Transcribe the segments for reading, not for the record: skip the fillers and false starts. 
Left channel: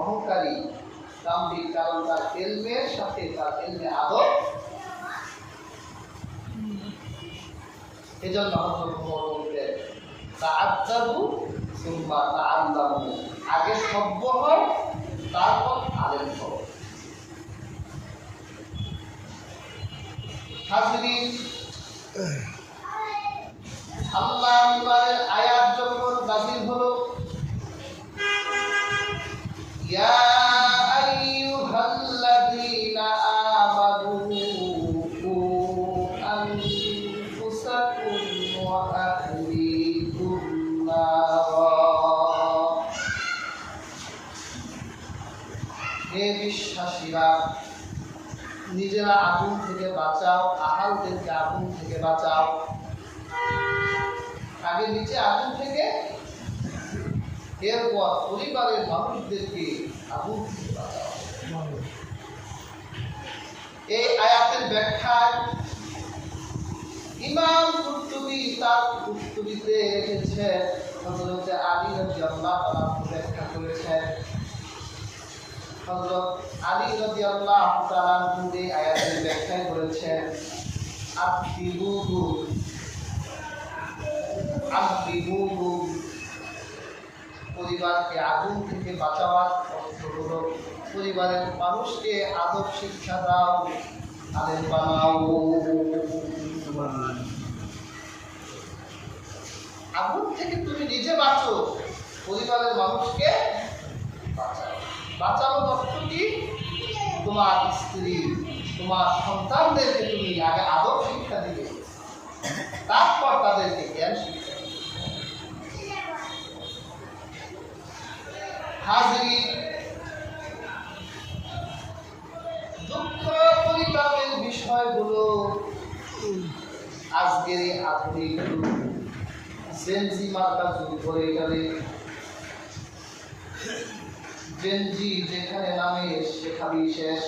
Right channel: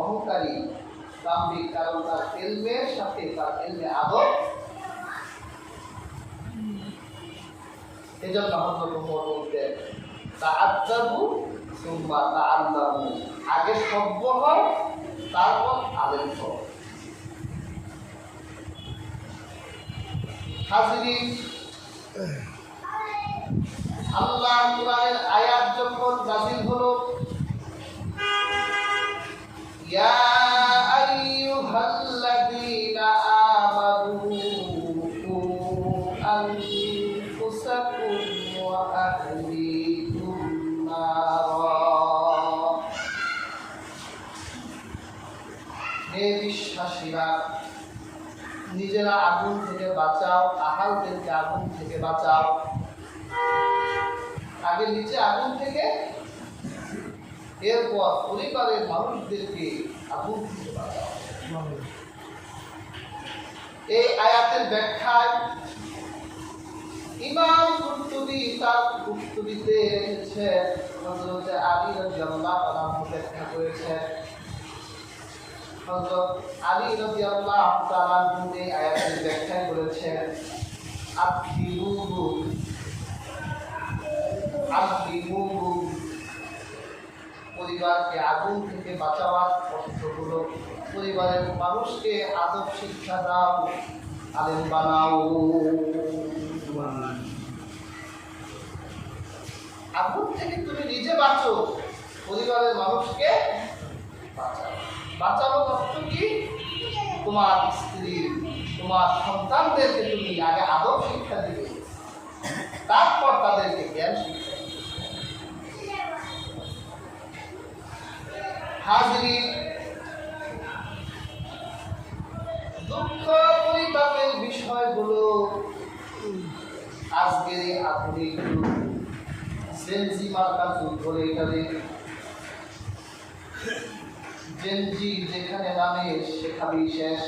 অহংকারী দাম্ভিক, কারণ তার এলমের সাথে তার এলমে আদব। এজন্য হযরত ওমর বলতেন তাআদ্দাবু সুম্মা তাআল্লামু, আগে সভ্য হও তারপর আলেম হও। হাজিরিন, আল্লাহর কোরআনের আয়াত যখন নাযিল হলো, ইয়া আইয়ুহাল্লাযীনা আমানু কু আনফুসাকুম ওয়া আহলিকুম নারা, হে বিশ্বাসীরা, নিজেরা আগুন থেকে বাঁচাও, আহালদেরকে আগুন থেকে বাঁচাও। আগে নিচে আগুন থেকে, এরপর পরিবারের মানুষদেরকে আগুন থেকে বাঁচাও। এই আয়াতের ব্যাখ্যায় ইমাম কুরতুবী তার কুরতুবীতে রেখেছে, হযরত আলী রাদিয়াল্লাহু আনহু ব্যাখ্যা করেছেন। হযরত আলী রাদিয়াল্লাহু তাআলা এই আয়াতের ব্যাখ্যা করেছেন আদিলুহু, পরিবারকে আগুন থেকে বাঁচাবার অর্থ হলো পরিবারের মানুষকে আদব শিক্ষা দাও, আলেম বানাও। আগুন থেকে তুমি নিজে বাঁচো, পরিবারের মানুষকে বাঁচানো অর্থ কি? তোমার স্ত্রী, তোমার সন্তানদেরকে তুমি আগে আদব শিক্ষা দিবে, তারপর তাদেরকে জ্ঞান শিক্ষা দিবে। হাজিরিন, দুঃখ পরিতাপের বিষয় হলো আজকের এই আধুনিক জেনজি মার্কা যুগ ধরে গেলে, জেনজি যেখানে নামে সেখানেই শেষ।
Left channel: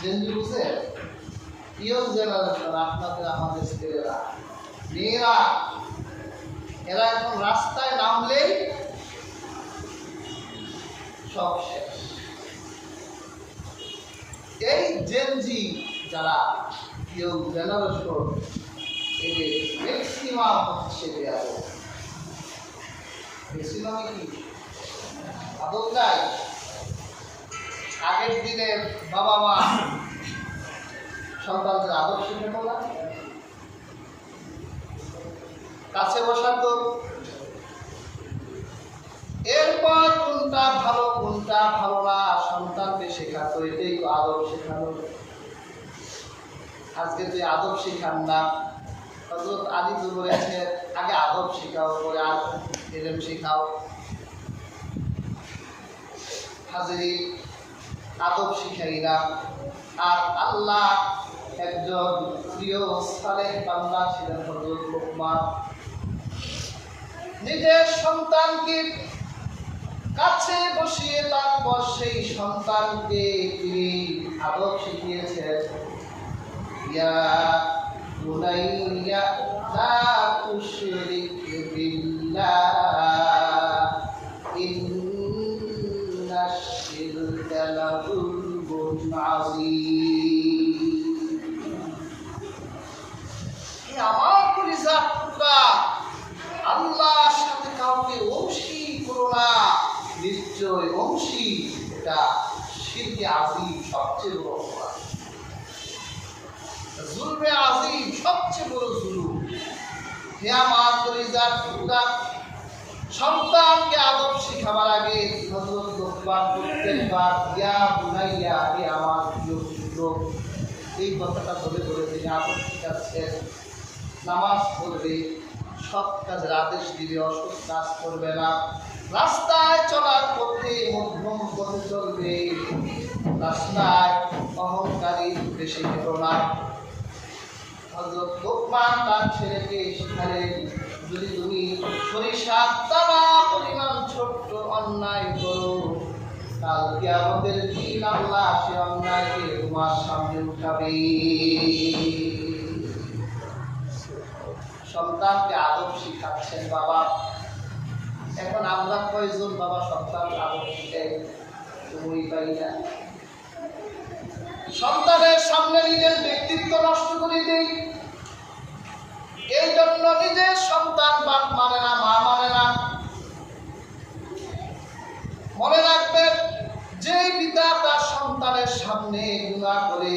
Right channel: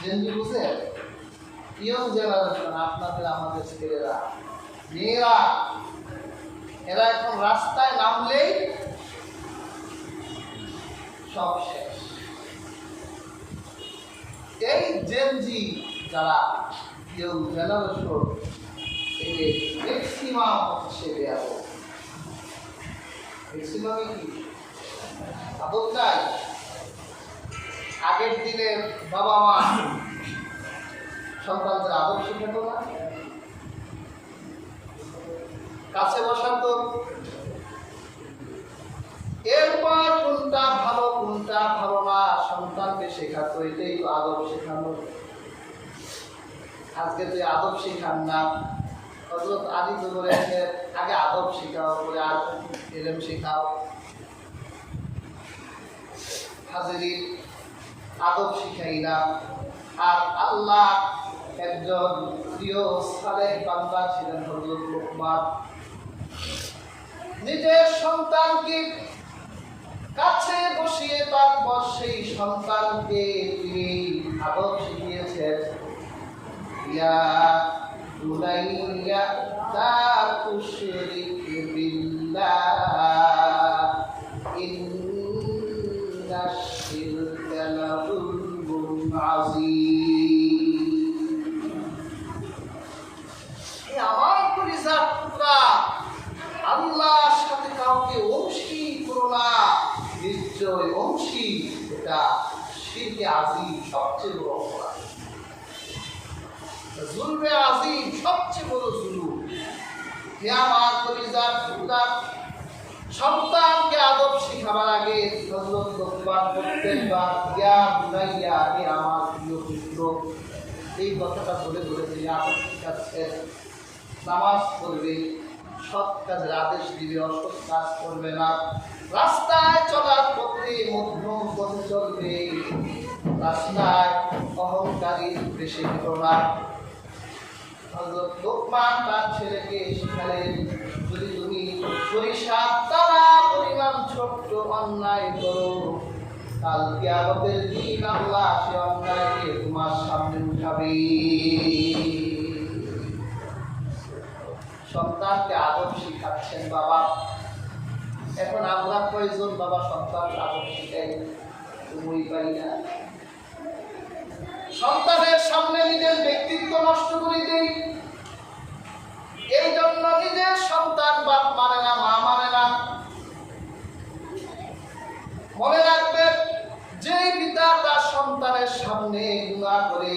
জেনজি বুঝে ইয়ং জেনারেশন, আপনাদের আমাদের ছেলেরা মেয়েরা, এরা এখন রাস্তায় নামলেই সব শেষ। এই জেনজি যারা ইয়ং জেনারেশন, এদের ম্যাক্সিমাম হচ্ছে বেয়াদব। ম্যাক্সিমামে কি আদব নাই? আগের দিনের বাবা মা সন্তানদের আদব শেখানো না, কাছে বসাতো, এরপর কোনটা ভালো কোনটা ভালো না সন্তানকে শেখাতো, এটাই তো আদব শেখানো। আজকে তুই আদব শেখান না। হযরত আলী তো বলেছে আগে আদব শেখাও, আর এলেম শেখাও। হাজিরিন, আদব শিখাই না। আর আল্লাহ একজন প্রিয় সালেহ বান্দা ছিলেন হযরত লুকমান। নিজের সন্তানকে কাছে বসিয়ে তারপর সেই সন্তানকে তিনি আদব শিখিয়েছেন। ইয়া বুনাইয়া লা তুশরিক বিল্লাহ ইন্নাশ শিরকা লাযুলমুন আযীম। আমার কলিজার টুকরা, আল্লাহর সাথে কাউকে অংশী করো না। নিশ্চয় অংশী এটা শিরকে আযীম, সবচেয়ে বড় অপরাধ। জুলমে আযীম, সবচেয়ে বড় জুলুম। হে আমার কলিজার টুকরা, সন্তানকে আদব শিখাবার আগে হযরত লুকমান প্রত্যেকবার ইয়া বুনাইয়া, হে আমার প্রিয় পুত্র, এই কথাটা বলে বলে তিনি আদব শিখাচ্ছেন। নামাজ পড়বে, সৎ কাজের আদেশ দিবে, অসৎ কাজ করবে না। রাস্তায় চলার পথে মধ্যম গতি চলবে, রাস্তায় অহংকারী বেশি হতো না। হযরত লুকমান তার ছেলেকে শিখালেন, যদি তুমি সরিষার দানা পরিমাণ ছোট্ট অন্যায় করো, কাল কিয়ামতের দিন আল্লাহ সে অন্যায়কে তোমার সামনে উঠাবে। সন্তানকে আদব শিখাচ্ছেন বাবা। এখন আমরা কয়জন বাবা সন্তান তুমি পাই না। সন্তানের সামনে নিজের ব্যক্তিত্ব নষ্ট করে দেই, এই জন্য নিজের সন্তান বাপ মানে না, মা মানে না। মনে রাখবেন, যে পিতা তার সন্তানের সামনে গুনাহ করে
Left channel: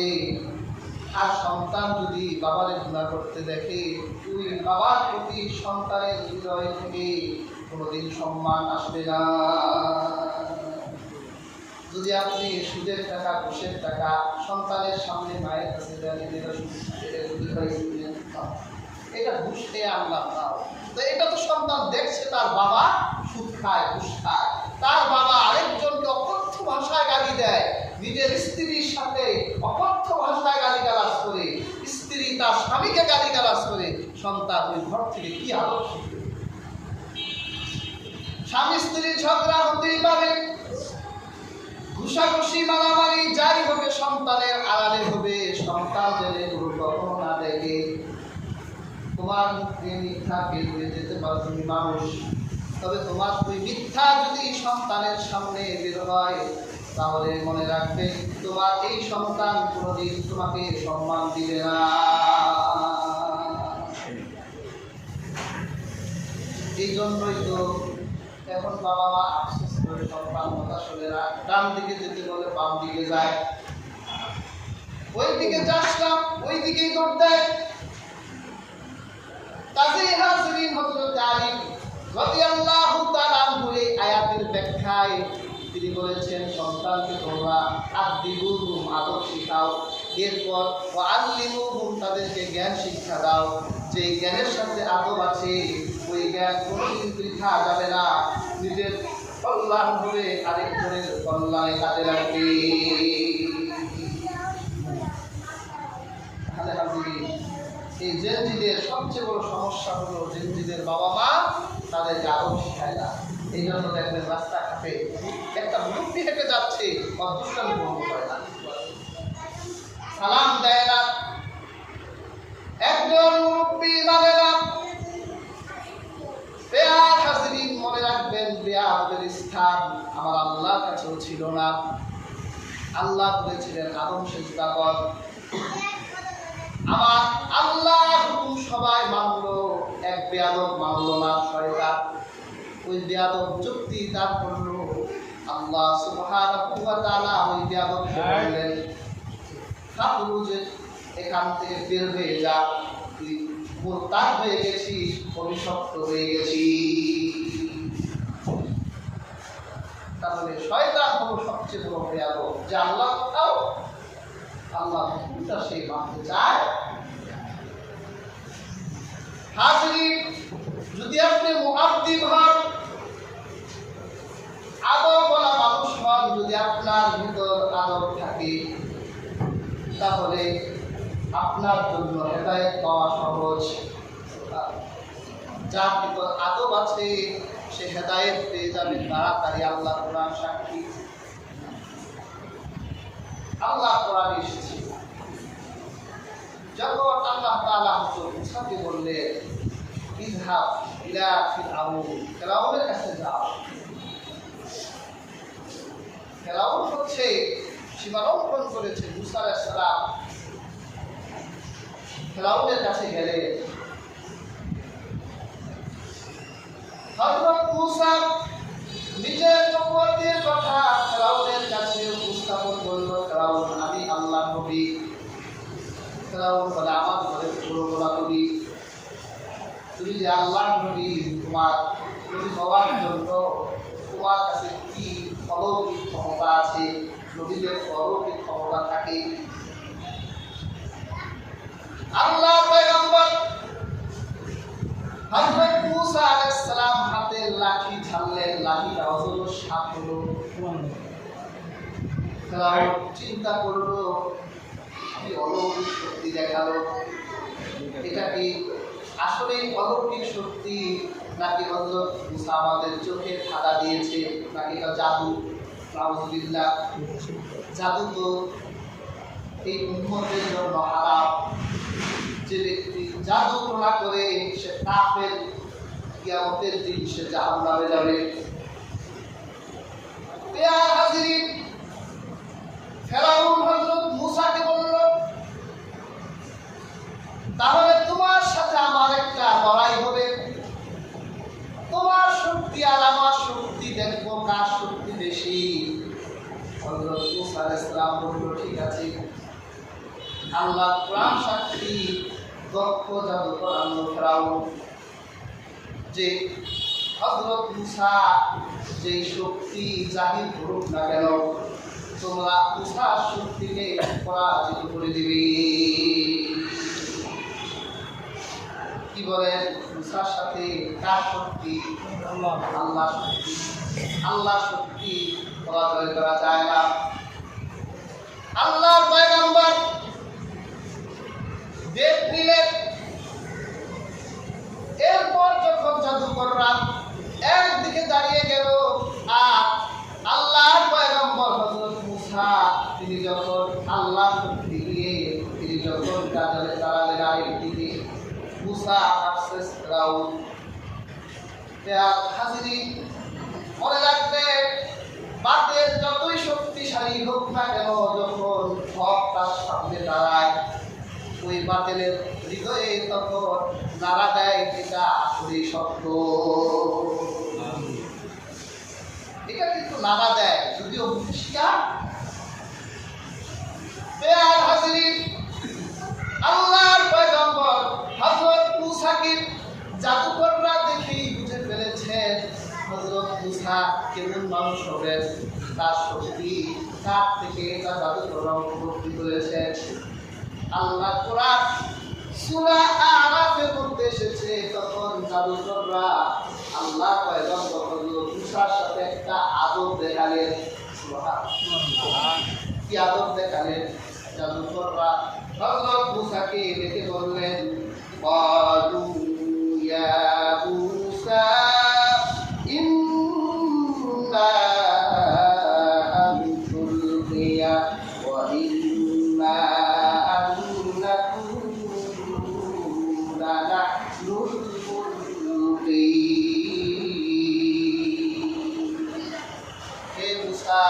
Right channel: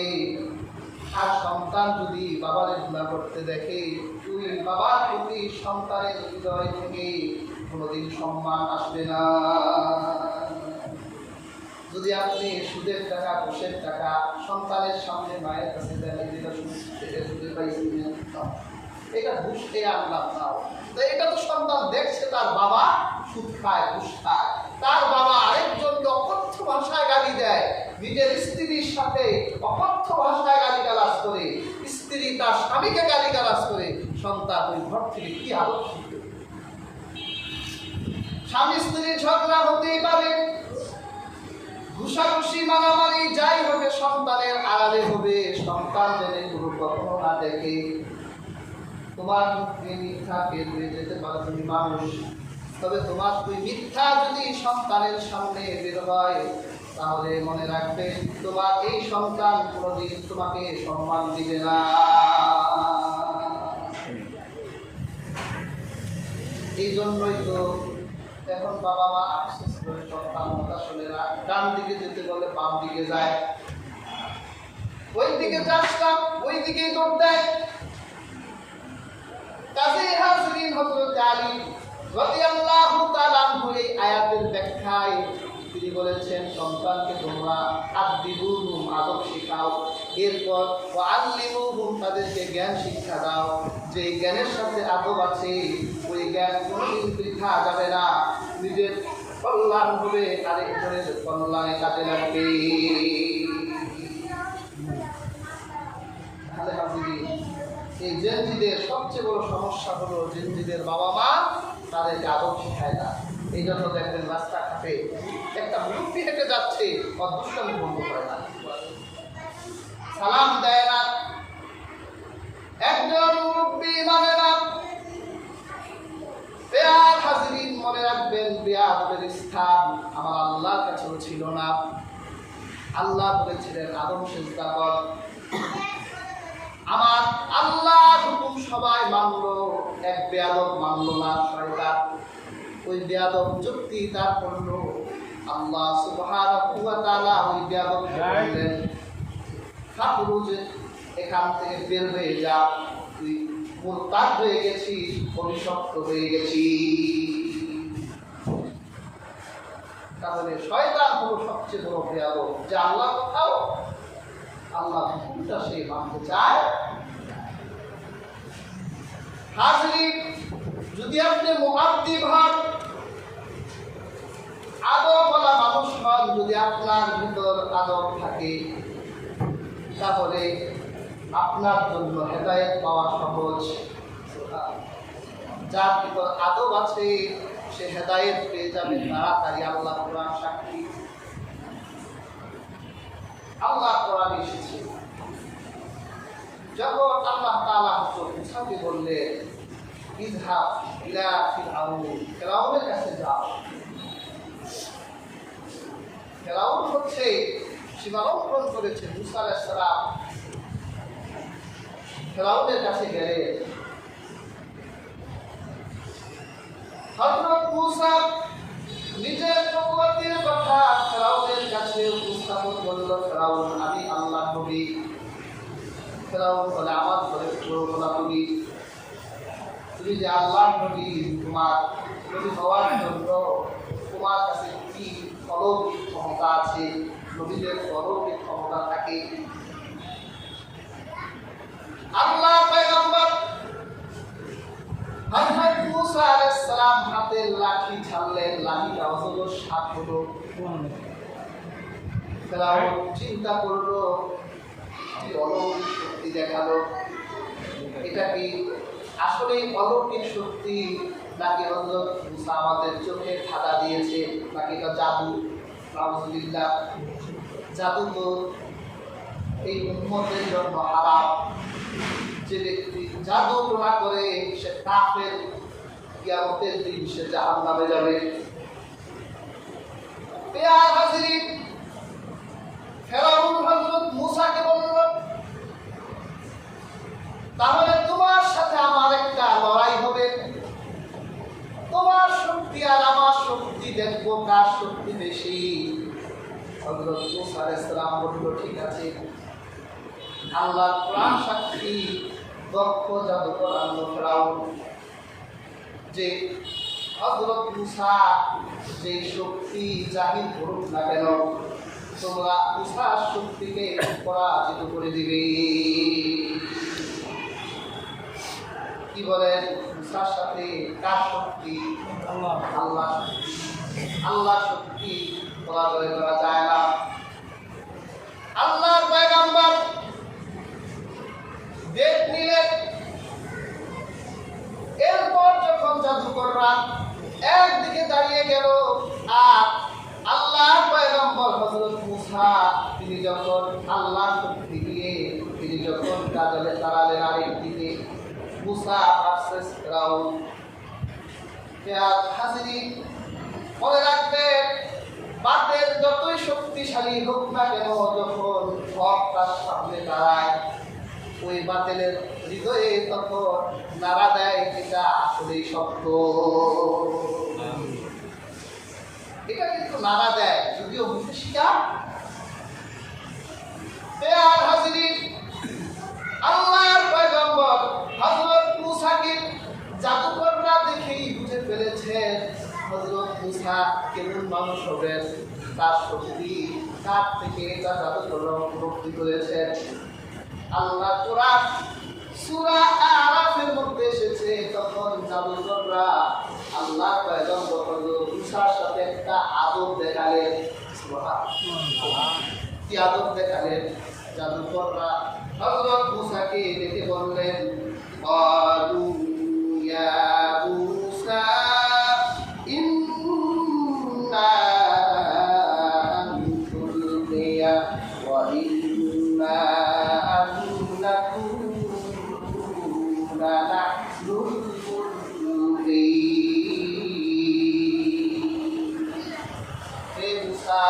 আর সন্তান যদি বাবারে গুনাহ করতে দেখে, তুই বাবার প্রতি সন্তানের হৃদয় থেকে কোনোদিন সম্মান আসবে না। যদি আপনি সুদের টাকা, ঘুষের টাকা সন্তানের সামনে মায়ের কাছে এটা ঘুষ খেয়ে আনলাম তাও, তো এটা তো সন্তান দেখছে তার বাবা সুদ খায়, ঘুষ খায়, তার বাবা আরেকজনকে অকথ্য ভাষায় গালি দেয়, নিজের স্ত্রীর সাথে অকথ্য ভাষায় গালিগালাজ করে, স্ত্রী তার স্বামীকে গালিগালাজ করে, সন্তান ওই ঘর থেকে কি আদর্শ শিখবে? স্বামী স্ত্রীর ঝগড়া হতেই পারে, ঘুষাঘুষি মারামারি যাই হবে সন্তানের আড়ালে হবে, সন্তান জেনে কখনো না দেখে। তোমার মুখে মিথ্যা বের হয়ে যেতে পারো তুমি মানুষ, তবে তোমার ওই মিথ্যা যদি সন্তানের সামনে বের হয়, তাহলে মনে রাখবে তোমার এই সন্তান কোনোদিন তোমাকে সম্মান দিবে না। এই জন্যই তো এখন বাবা মা আফসোস করে সন্তান আসলে ডান দিকে যেতে বলে বাম দিকে যায়, ওই দিকে যাচ্ছিলাম ওই দিকেই দৌড় দেয়। কাজেই হাজরিন, হযরত আলী রাদিয়াল্লাহু তাআলা আনহু এই আয়াতের ব্যাখ্যায় তিনি বলেছেন, সন্তানকে তোমরা আদিবুহুম আদব শিখাও, এরপর ওয়াল্লিমুহুম তাদেরকে জ্ঞান শিক্ষা দাও, যে জ্ঞানের সাথে আদব আছে ওই জ্ঞান কোনোদিন বৃথা যাবে না, নিজের কল্যাণ হবে, আরেকজনের কল্যাণে কাজে লাগবে। তাহলে হাজরিন, এই জেনজিদের সবচেয়ে বড় সমস্যা হলো জেনজিদের বাবা মা তাদেরকে আদব শিখায় না। এই জন্য দেখবেন রাস্তাঘাটে একটা মুরব্বী হেঁটে যাচ্ছে, অদৃষ্টান্ত বন্ধ করে না, সালাম দেয় না, একজন মুরব্বী মানে না। বেয়ার হাজরিন, মনে রাখবেন বেয়াদের স্থান আমার আল্লাহর কাছেও ছিল না। আল্লাহ বলেছিলেন আদম সিজদা কর, আমার আল্লাহর হুকুম সবাই মানলো, এক বেয়াদব মানলো না, শয়তান। ওই বেয়াদব যুক্তি তার করলো, আল্লাহ সুবহানাহু ওয়া তাআলা ওই বেয়াদবকে বললেন, খারুজ, এখান থেকে বের হয়ে যা, তুই মুরতাদ হয়ে গেছিস, অভিশপ্ত হয়ে গেছিস। তাহলে শয়তান হলো সবচেয়ে বড় বেয়াদব, যে আল্লাহ কোথাও আল্লাহ হুকুমটা সে মানতে চায়। হাজরিন, যদি আপনি মুআদ্দিব হন, আদবওয়ালা মানুষ হন, যদি আপনার ভিতর আদব থাকে, তাহলে আপনার জন্য হেদায়েত পাওয়া সহজ। যার ভিতর আদব আছে সে হেদায়েত পেয়ে যাবে তাড়াতাড়ি। আল্লাহ কোরআন সাক্ষী, আল্লাহ কোরআন এসেছে, যখন আল্লাহ তাআলা হযরত মুসাকে বললেন, ইযহাব ইলা ফিরআউন, ফিরআউনের কাছে যাও। ফিরআউন হচ্ছে সীমালঙ্ঘন করেছে, মুসা আলাইহিস সালাম ফিরআউনের কাছে গেলেন। হযরত মুসা নিজের নবুয়তের কথা ফিরআউনের কাছে উপস্থাপন করল। ফিরআউন, আমি আল্লাহর নবী। ফিরআউন বলে, আমার ঘরে পুরোলা নবী, তুমি যে আল্লাহর নবী, তোমার নবী হওয়ার জন্য তোমার কাছে কি অলৌকিক ক্ষমতা আছে? নবীদের অলৌকিক ক্ষমতা থাকে। আল্লাহ পয়গম্বর হযরত মুসা আলাইহিস সালাম হাতে লাঠি ছাড়লেন, লাঠিটা অজগর সাপ হলো। ফিরআউন চিন্তা করলো, কি অলৌকিক শক্তি দেখালো, এটা কি আসলেই অলৌকিক শক্তি, নাকি হযরত মুসা আমাদের চোখে ঠাডা দিয়েছে, নাকি এটা জাদু? নাউযুবিল্লাহ, জাদু তো এই উম্মতের জন্য হারাম। যে ব্যক্তি জাদু না করে সে কাফের, কিয়ামতের দিন সে জাহান্নামে যাবে। পেয়ার হাজিরিন, ফেরাউন হযরত মূসাকে বলল, তাহলে তোমার সাথে আমার একটা লড়াই হবে, তোমার শক্তি আর আমার শক্তি দেখবো কার শক্তি বেশি। হযরত মূসা আলাইহিস সালাম বলল, ঠিক আছে, আল্লাহ কোরআন সাক্ষী, দক্ষ জাদুকর আল্লাহ ফেরাউন, যে হযরত মূসা যে শক্তি জাহির করুক না কেন, তোমরা মূসার শক্তিকে পরাজিত করে দিবে। কি বলেন? মূসার সাথে কার শক্তি? আল্লাহ শক্তি। আল্লাহ শক্তি পরাজয় করা যায় না। আল্লাহর পয়গম্বর দেখ নিলেন। এরপর যখন জাদুকররা একদিকে দাঁড়িয়ে গেল, আর আল্লাহর পয়গম্বর হযরত মূসা তিনি যখন আল্লাহর শক্তি দিয়ে তিনি যখন কাজলে দাঁড়ালেন আরেকদিকে, মূসা ভার্সেস ফেরাউন। হাজিরিন, মনে রাখবেন, বাতিল যতই শক্তিশালী হোক না কেন, যখন হক তার সামনে দাঁড়ায়, ওই বাতিলের হৃদয়ে তখন নাড়া দেয়, এটা আসলেই সত্য। এটা কিন্তু নাড়া দেয়, যদিও মুখে স্বীকার। পেয়ার হাজিরিন, আল্লাহর পয়গম্বর হযরত মূসাকে জাদুকররা দেখেই বুঝে ফেলেছেন হযরত মূসা কেমন মানুষ হবেন, তার শক্তি কার থেকে তা জাদুকররা উপলব্ধি করেছেন। আল্লাহ কোরআন সূরা আরাফের মধ্যে এসেছে, তখন জাদুকররা আল্লাহ পয়গম্বর হযরত মূসার সাথে একটা আদব দেখালেন। সুবহানাল্লাহ, কি আদব দেখালেন? জাদুকররা হযরত মূসাকে ডেকে বললেন, ক্বালু ইয়া মূসা ইন্না আন তুলকিয়া ওয়া ইন্না আন নাকুনা নাহনুল মুলকিন। হে মূসা,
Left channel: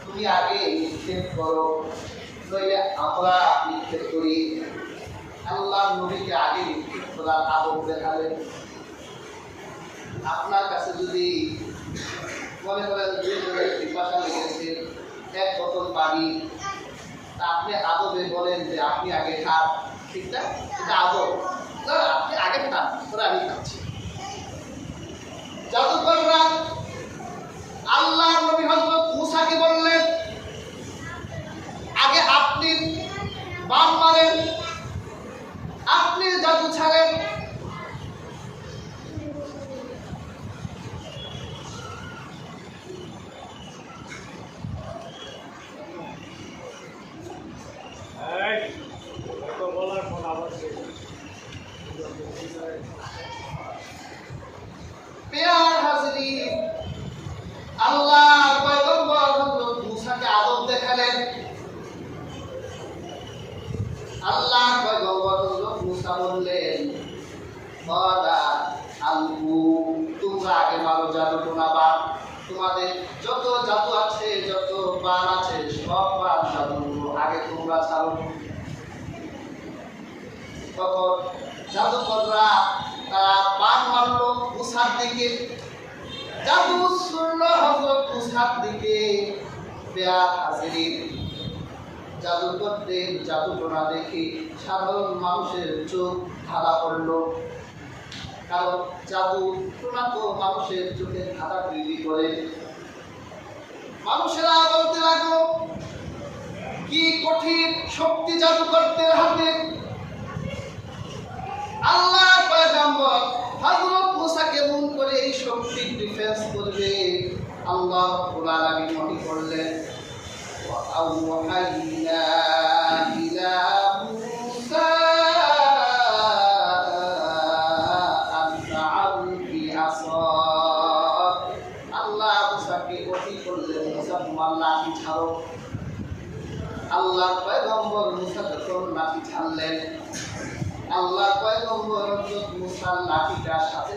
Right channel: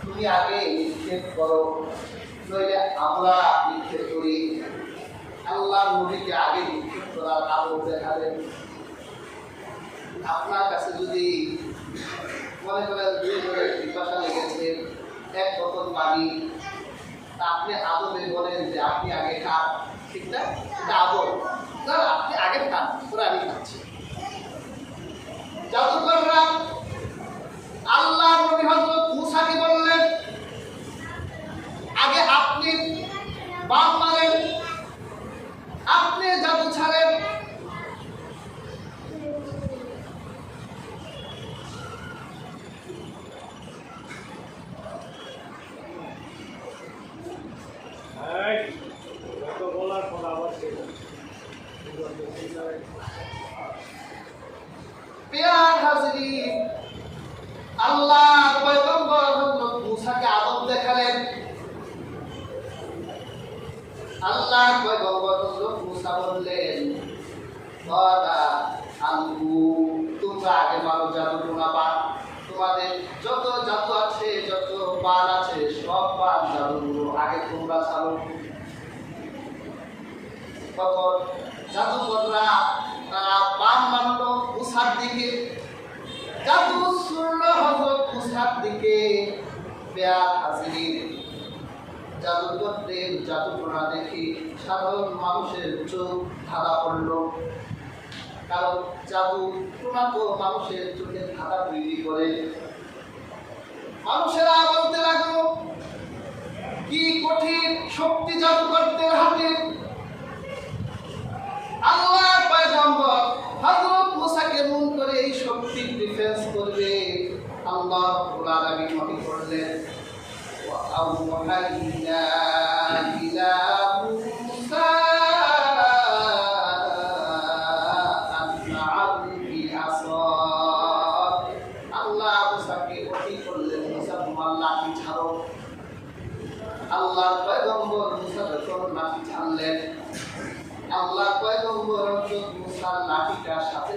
তুমি আগে নিক্ষেপ করো, নইলে আমরা নিক্ষেপ করি। আল্লাহ নবীকে আগে নিক্ষেপ করার আদব দেখালেন। আপনার কাছে যদি মনে করেন দুইজনের পিপাসা লেগেছে, এক বোতল পানি, তা আপনি আদবে বলেন যে আপনি আগে খান, ঠিক না? এটা আদব না, আপনি আগে খান, পরে আমি খাচ্ছি। জাদুকররা আল্লাহ নবী হযরত মূসাকে বললেন, আগে আপনি বান মারেন, আপনি জাদু ছাড়েন। পেয়ার হাজিরিন, আল্লাহর পয়গম্বর হযরত মূসাকে আদব দেখালেন। আল্লাহর পয়গম্বর হযরত মূসা বললেন, বাদা আলু, তোমরা আগে মারো জাদু বাবা, তোমাদের যত জাদু আছে, যত বান আছে, সব বান জাদু আগে তোমরা ছাড়ো। তখন জাদুকররা তারা বান মারলো মূসার দিকে, জাদু ছুড়লো হযরত মূসার দিকে। পেয়ার হাজিরিন, জাদুকরদের জাদুটোনা দেখে সাধারণ মানুষের চোখ ঢালা পড়ল, কারণ জাদু টোনা তো মানুষের চোখে ধাঁধা তৈরি করে। মানুষেরা বলতে লাগলো, কি কঠিন শক্তি জাদুকরদের হাতে। আল্লাহ পয়গম্বর হযরত মূসা কেমন করে এই শক্তির ডিফেন্স করবে? আল্লাহ রাব্বুল আলামিন মনে করলেন, ওয়া আওহাইনা ইলা মূসা আন আলকি আসাক। আল্লাহ মূসাকে ওহী করলেন, মূসা তোমার লাঠি ছাড়ো। আল্লাহর পয়গম্বর মূসা যখন লাঠি ছাড়লেন, আল্লাহর পয়গম্বর হযরত মূসার লাঠিটার সাথে